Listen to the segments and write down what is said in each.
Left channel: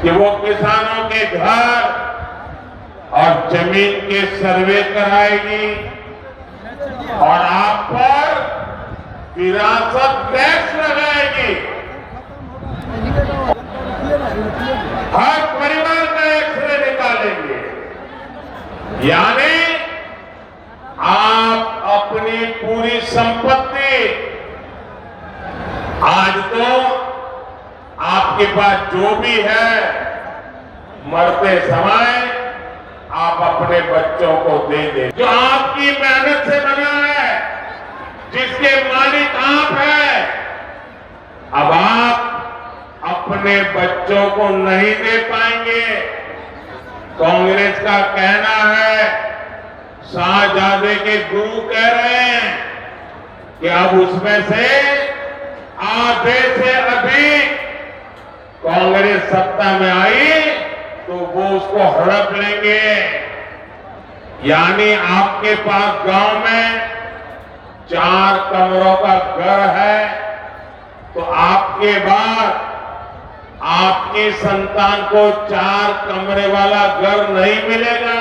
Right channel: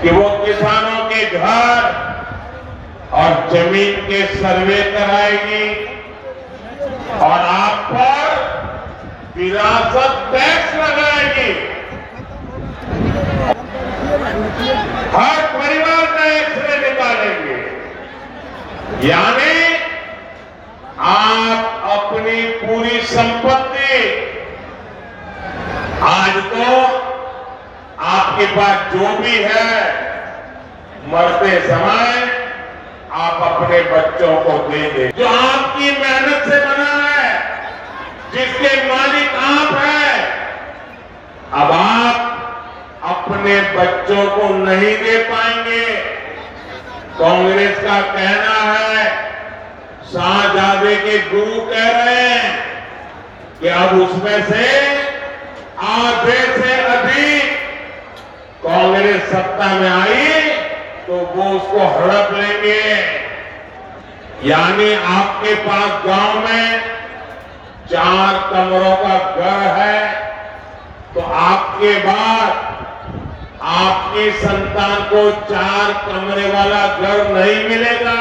कि वो किसानों के घर और जमीन के सर्वे कराएगी और आप पर विरासत टैक्स लगाएगी। हर परिवार का एक्सरे निकालेंगे, यानी आप अपनी पूरी संपत्ति, आज तो आपके पास जो भी है, मरते समय आप अपने बच्चों को दे दें। जो आपकी मेहनत से बना है, जिसके मालिक आप हैं, अब आप अपने बच्चों को नहीं दे पाएंगे। कांग्रेस का कहना है, शाहजादे के गुरु कह रहे हैं कि अब उसमें से आधे से अधिक कांग्रेस सत्ता में आई तो वो उसको हड़प लेंगे। यानी आपके पास गांव में 4 कमरों का घर है तो आपके बाद आपकी संतान को 4 कमरे वाला घर नहीं मिलेगा,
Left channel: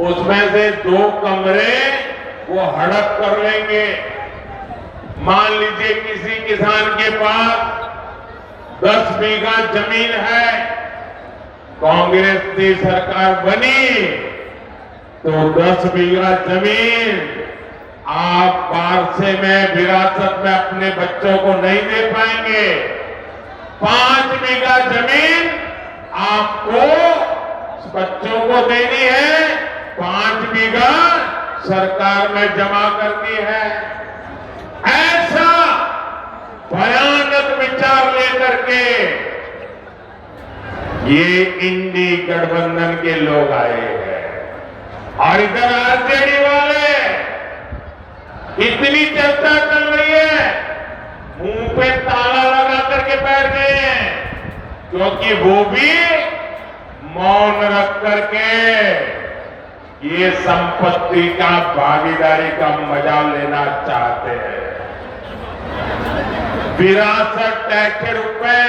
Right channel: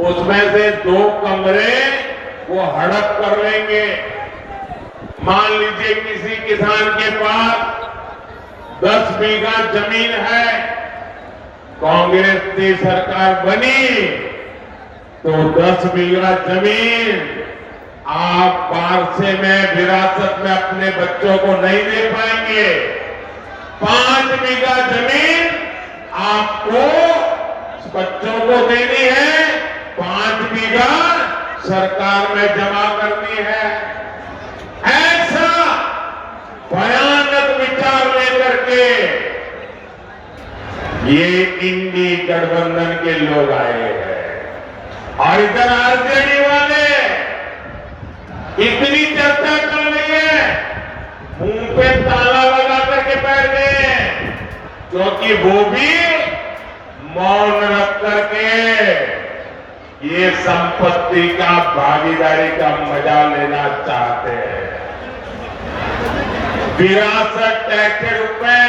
उसमें से 2 कमरे वो हड़प कर लेंगे। मान लीजिए किसी किसान के पास 10 बीघा जमीन है, कांग्रेस की सरकार बनी तो 10 बीघा जमीन आप वारसे में, विरासत में अपने बच्चों को नहीं दे पाएंगे। 5 बीघा जमीन आपको बच्चों को देनी है, 5 बीघा सरकार में जमा करनी है। ऐसा भयानक विचार लेकर के ये इंडी गठबंधन के लोग आए हैं और इधर आरजेडी वाले इतनी चर्चा चल रही है, मुंह पे ताला लगा करके बैठ गए हैं, क्योंकि वो भी मौन रख करके ये संपत्ति का, भागीदारी का मजा लेना चाहते हैं। विरासत टैक्स के रूप में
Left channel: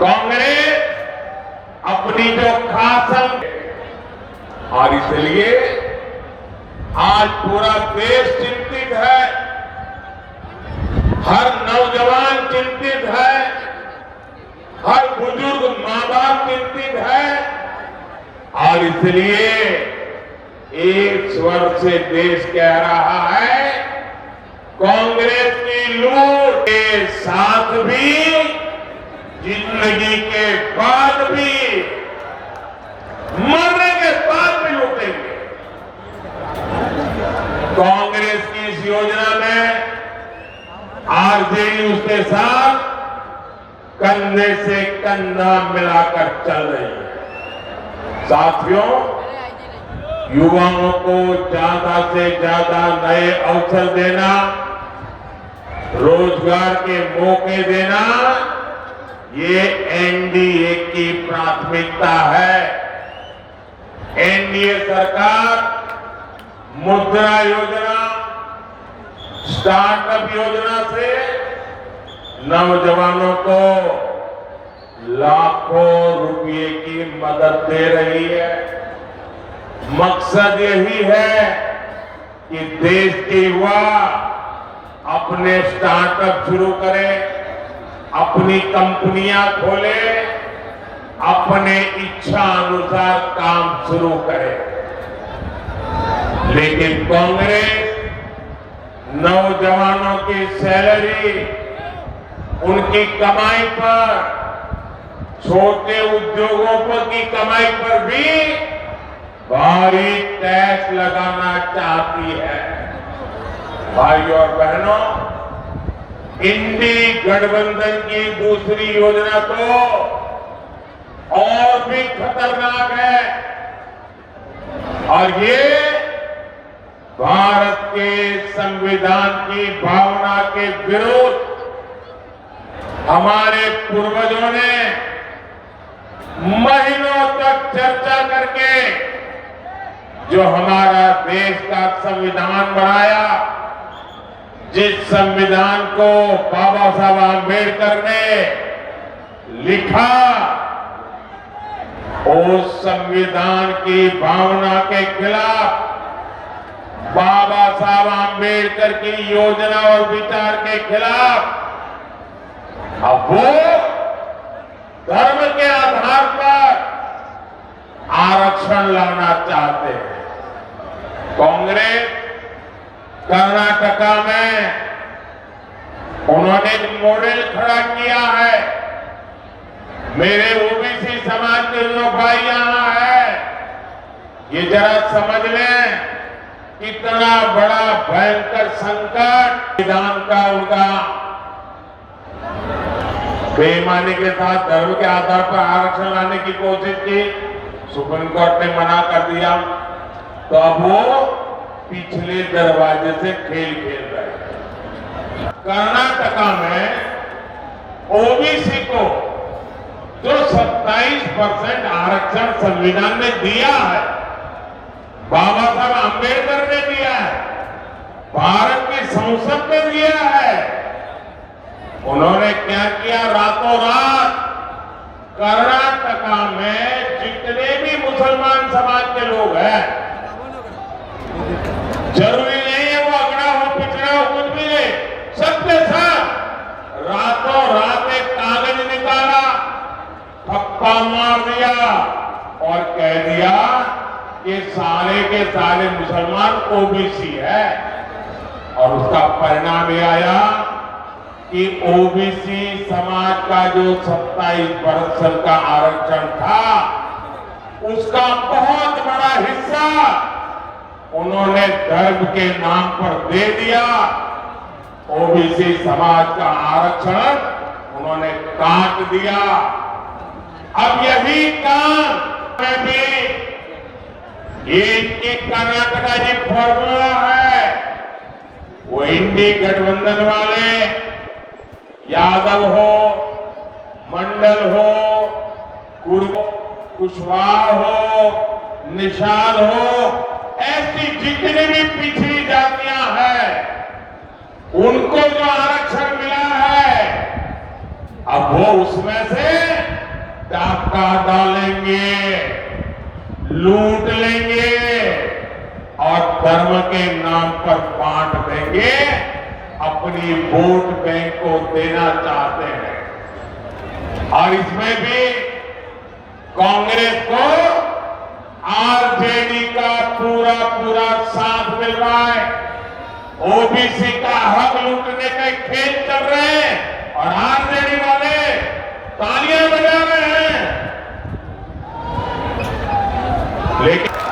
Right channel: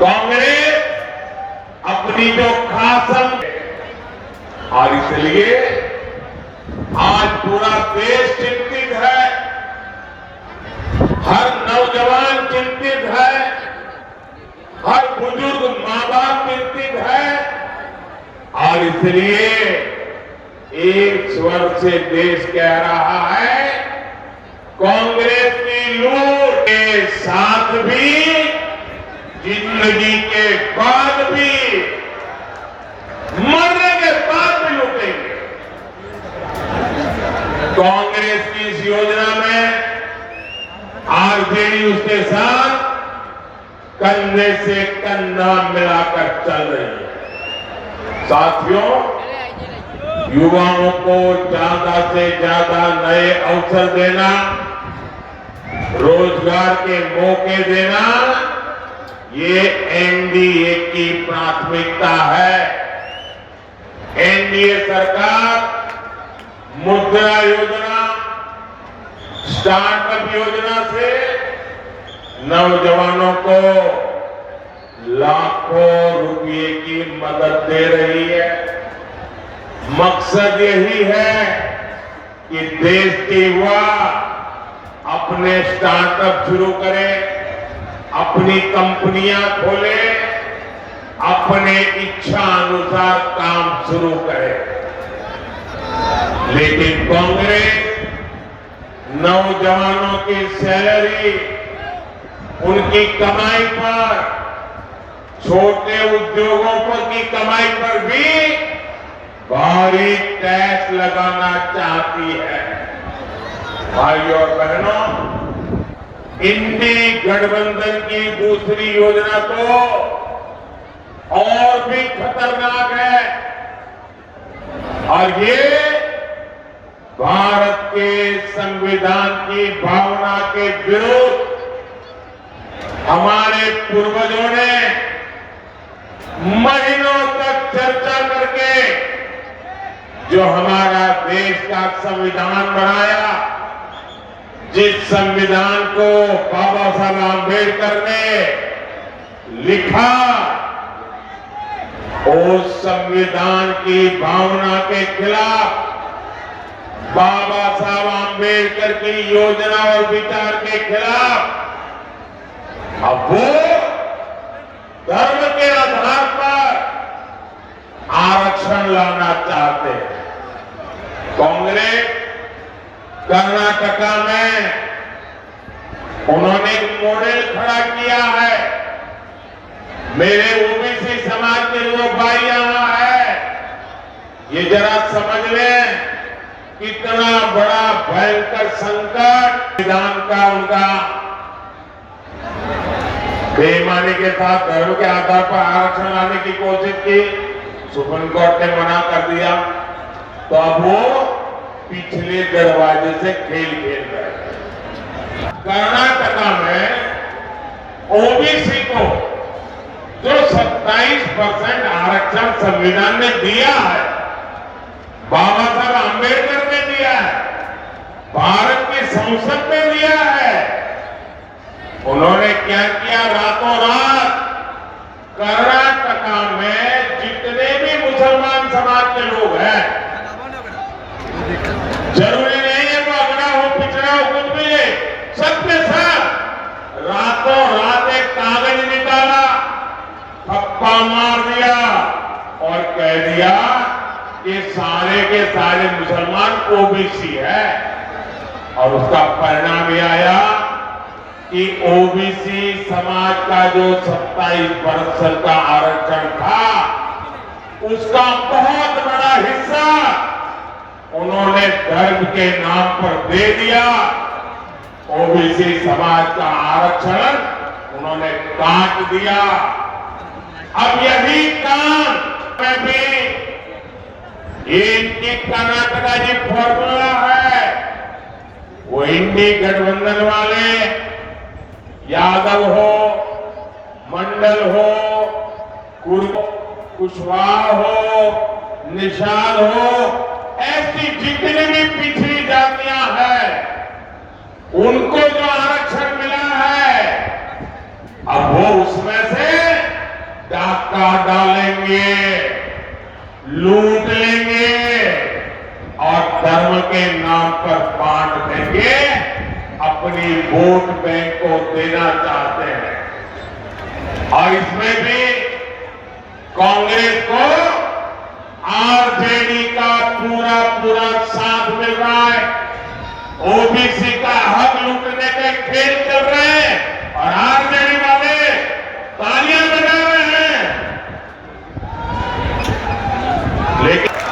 कांग्रेस अपनी जो खासन, और इसलिए आज पूरा देश चिंतित है, हर नौजवान चिंतित है, हर बुजुर्ग मां बाप चिंतित है, और इसलिए एक स्वर से देश कह रहा है, कांग्रेस की लूट के साथ भी, जिंदगी के बाद भी, मरने के बाद भी लूटेंगे। कांग्रेस की इस योजना में आरजेडी उसके साथ कंधे से कंधा मिलाकर चल रही है। साथियों, युवाओं को ज्यादा से ज्यादा नए अवसर देना, रोजगार के मौके देना, ये एनडीए की प्राथमिकता है। एनडीए सरकार मुद्रा योजना, स्टार्टअप योजना से नौजवानों को लाखों रुपए की मदद दे रही है। मकसद यही है कि देश के युवा अपने स्टार्टअप शुरू करें, अपनी कंपनियां खोलें, अपने इच्छा अनुसार काम शुरू करें। लेकिन कांग्रेस नौजवानों की सैलरी, उनकी कमाई पर, छोटे उद्योगों पर की कमाई पर भी भारी टैक्स लगाना चाहती है। भाइयों और बहनों, इंडी गठबंधन की दूसरी योजना तो और भी खतरनाक है, और ये भारत के संविधान की भावना के विरुद्ध हमारे पूर्वजों ने महीनों तक चर्चा करके जो हमारा देश का संविधान बनाया, जिस संविधान को बाबा साहब आंबेडकर ने लिखा, उस संविधान की भावना के खिलाफ, बाबा साहब आम्बेडकर की योजना और विचार के खिलाफ अब वो धर्म के आधार पर आरक्षण लाना चाहते हैं। कांग्रेस कर्नाटका में उन्होंने एक मॉडल खड़ा किया है। मेरे ओबीसी समाज के जो भाई यहां है, ये जरा समझ लें कितना बड़ा भयंकर संकट संविधान का उनका बेईमानी के साथ धर्म के आधार पर आरक्षण लाने की कोशिश की, सुप्रीम कोर्ट ने मना कर दिया, तो अब वो पिछले दरवाजे से खेल खेल रहे। कर्नाटका में ओबीसी को जो 27% आरक्षण संविधान ने दिया है, बाबा साहब आम्बेडकर ने दिया है, भारत की संसद ने दिया है, उन्होंने क्या किया, रातों रात कर्नाटका में जितने भी मुसलमान समाज के लोग हैं, जरूरी नहीं है वो अगड़ा हो पिछड़ा हो कुछ भी, सबके साथ रातों रात एक कागज निकाला, थप्पा मार दिया और कह दिया कि सारे के सारे मुसलमान ओबीसी है। और उसका परिणाम ये आया कि ओबीसी समाज का जो 27% का आरक्षण था, उसका बहुत बड़ा हिस्सा उन्होंने धर्म के नाम पर दे दिया। ओबीसी समाज का आरक्षण उन्होंने काट दिया। अब यही काम में भी इनकी कर्नाटका जी फॉर्मूला है, वो इंडी गठबंधन वाले यादव हो, मंडल हो, कुशवाहा हो, निशाल हो, ऐसी जितनी भी पिछड़ी जातियां हैं, उनको जो आरक्षण मिला है, अब वो उसमें से डाका डालेंगे, लूट लेंगे और धर्म के नाम पर बांट देंगे, अपनी वोट बैंक को देना चाहते हैं। और इसमें भी कांग्रेस को आरजेडी का पूरा पूरा साथ मिल रहा है। ओबीसी का हक लूटने के खेल कर रहे हैं और आरजेडी वाले तालियां बजा रहे हैं, लेकिन